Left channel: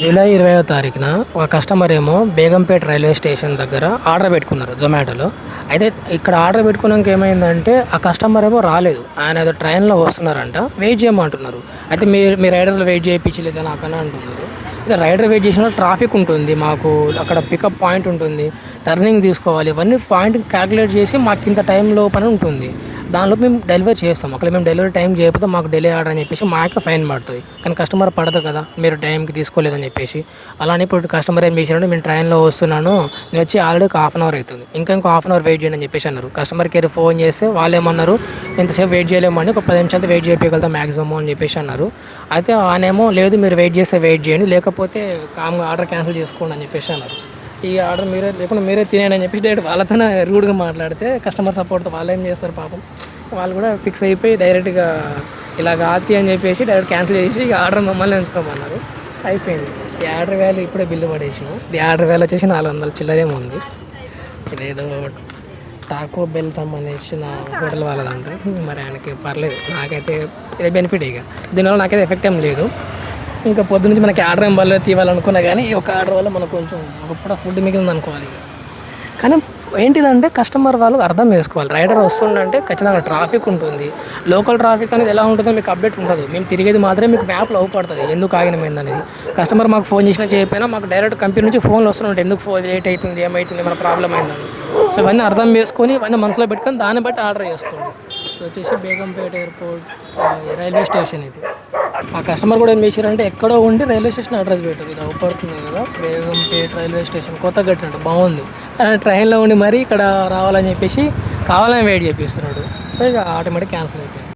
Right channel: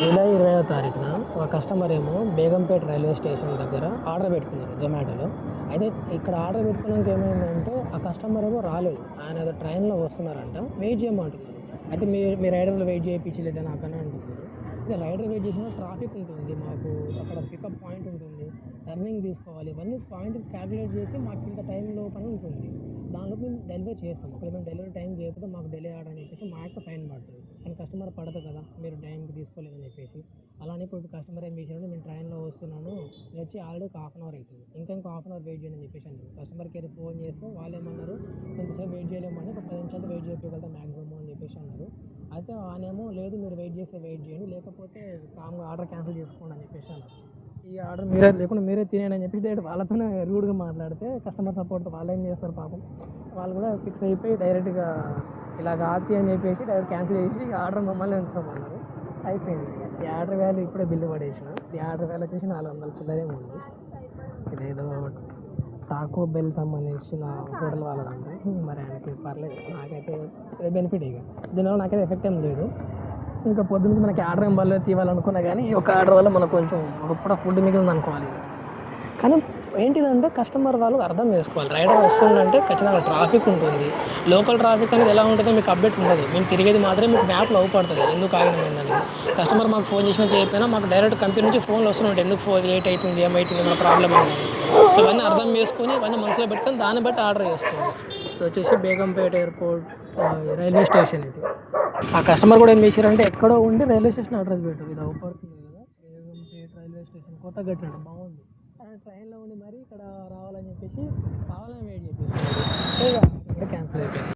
July 20వ తారీఖున ఒక customer ఏమో బేగంపేట రైల్వే స్టేషన్ దగ్గర ఆర్డర్ పెట్టుకున్నారు జొమాటోలో. అయితే ఇక్కడ ఆర్డర్ పెట్టుకున్నాక ఏమైందంటే ఆ కస్టమర్ ఏమో రాలేదు. ఆయన ఏదో ట్రైన్లో వస్తున్నారంట, వెయిట్ చేయమంటున్నారు. అయితే మీ రైడర్లు వెయిట్ చేయించలేదా నాకని అంటున్నారు. అయితే రైడర్ వెయిట్ చేసిన ట్రాఫిక్ ఉంటుంది, మాకు అక్కడ పికప్ పాయింట్ ఉంటుంది, టర్నింగ్ తీసుకోవాలి, ఇవన్నీ పాయింట్ క్యాలిక్యులేట్ చేసి మాకు ఇంత టైంలో పని ఉంటుంది. దానిలో మేము డెలివరీ చేస్తాం. ఒకవేళ మేము డెలివరీ టైం చేయకపోతే మాకు డిలే ఆర్డర్ అని చెప్పేసి మాకే ఫైన్ పడుతుంది. కానీ కస్టమర్ పడదు కదా, మీరు టైంకి తీసుకోలేదని చెప్పేసి. అలానే ఇప్పుడు కస్టమర్ ఏం చేశారంటే, నేను ట్రైన్లో వస్తున్నాను, నేను వచ్చి ఆల్రెడీ ఒక హాఫ్ అన్ అవర్ అవుతుంది, ఇంకో హాఫ్ అన్ అవర్ వెయిట్ చేయండి అని చెప్పేసి అన్నారు. కస్టమర్ కేర్ ఫోన్ చేస్తే వాళ్ళు ఏమన్నారు, ఎంతసేపు వెయిట్ చేయలేమండి, ఒక 10 నిమిషాలు వెయిట్ చేయగలుగుతాం మ్యాక్సిమం అని చెప్పేసి అన్నారు. అయితే ఆయనేమో లేదు, మీరు వెయిట్ చేస్తే వెయిట్ చేయండి, లేకపోతే కామ్గా ఆర్డర్ క్యాన్సిల్ చేసుకోండి అని చెప్పేసి అన్నారు. ఈ ఆర్డర్ మీరే లేకుండా మీరే తినేయండి అని చెప్పేసి డైరెక్ట్ వాళ్ళతోనే రూడ్గా మాట్లాడితే కస్టమర్ సపోర్ట్తో వాళ్ళు ఏం చేస్తారు పాపం, వాళ్ళు కూడా ఫిక్స్ అయిపోయి డైరెక్ట్గా ఇలాగ ఆతి అని చెప్పేసి డైరెక్ట్ క్యాన్సిల్ చేసి ఆర్డర్ మమ్మల్ని ఉంచుకోమన్నారు. అయిపోయింది. ఈ ఆర్డర్ వాల్యూ ఇప్పుడే బిల్లు పడేసాము. ఈ ఆర్డర్ వాల్యూ వచ్చేసి 400 చిల్లరేమో ఉంది. ఇదేదో టాకో బెల్ సంబంధించిన హోటల్ వాళ్ళదంట. మరి ఆయనకి పర్లేదు, నాకైతే ఇదే బెనిఫిట్. ఇక దీనివల్ల నాకైతే ఎఫెక్ట్ ఏం లేదు. ఇంకా పొద్దు నుంచి మనకి ఆర్డర్ ఏం వల్ల తీయాలనుకున్నా కానీ ఈ ఒక ఆర్డర్ వల్ల మనకు కొంచెం ఒక పూట ఫుడ్ మిగిలింది అనుకోవాలి. ఇక కానీ ఏంటిదంటే కస్టమర్ వాళ్ళు అర్థం చేసుకోవాలి. రైడర్ వస్తుందంటే ఖచ్చితంగా ట్రాఫిక్ ఉంటుంది. లోకల్ ట్రాఫిక్ అనేది ఎలా ఉంటుందో మీకు అప్డేట్ ఉండదు. మేము తిరిగేది మాత్రమే మీకు మ్యాప్లో అవుపడుతుంది ఎందుకు ఆగినమైంది అనేది. కస్టమర్ మాకు ఫోన్ చేసినా చేయకపోయినా మాకు డైరెక్ట్ కంపెనీ నుంచి ఫోన్లు వస్తుంటాయి, ఎందుకు ఫోన్ లేట్ అవుతుంది, ఏమవుతుంది, మన ప్రాబ్లం ఏందని. సో ఇవన్నీ అర్థం చేసుకొని ఇవన్నీ మనసులో పెట్టుకొని దాన్ని బట్టి ఆర్డర్ చేసుకోండి. ఇప్పుడు వచ్చేసి బేగంపేట ఎయిర్పోర్ట్ రైల్వే స్టేషన్ ఇది. ఆ కస్టమర్ కూడా ఏం చేశారంటే ఎక్కడో ఉండి రైల్వే స్టేషన్ అడ్రస్ పెట్టారు. ఇది అవుపడుతుంది కదా, బేగంపేట రైల్వే స్టేషన్ కొత్తగా కట్టినట్టు బాగుంది. ట్రైన్లో ఉండి మరీ ఇక్కడ రావాలని చెప్పేసి కావాలని వెయిట్ చేపిస్తున్నాడు. సో ఇక ఆటోమేటిక్ క్యాన్సిల్ అయిపోయింది.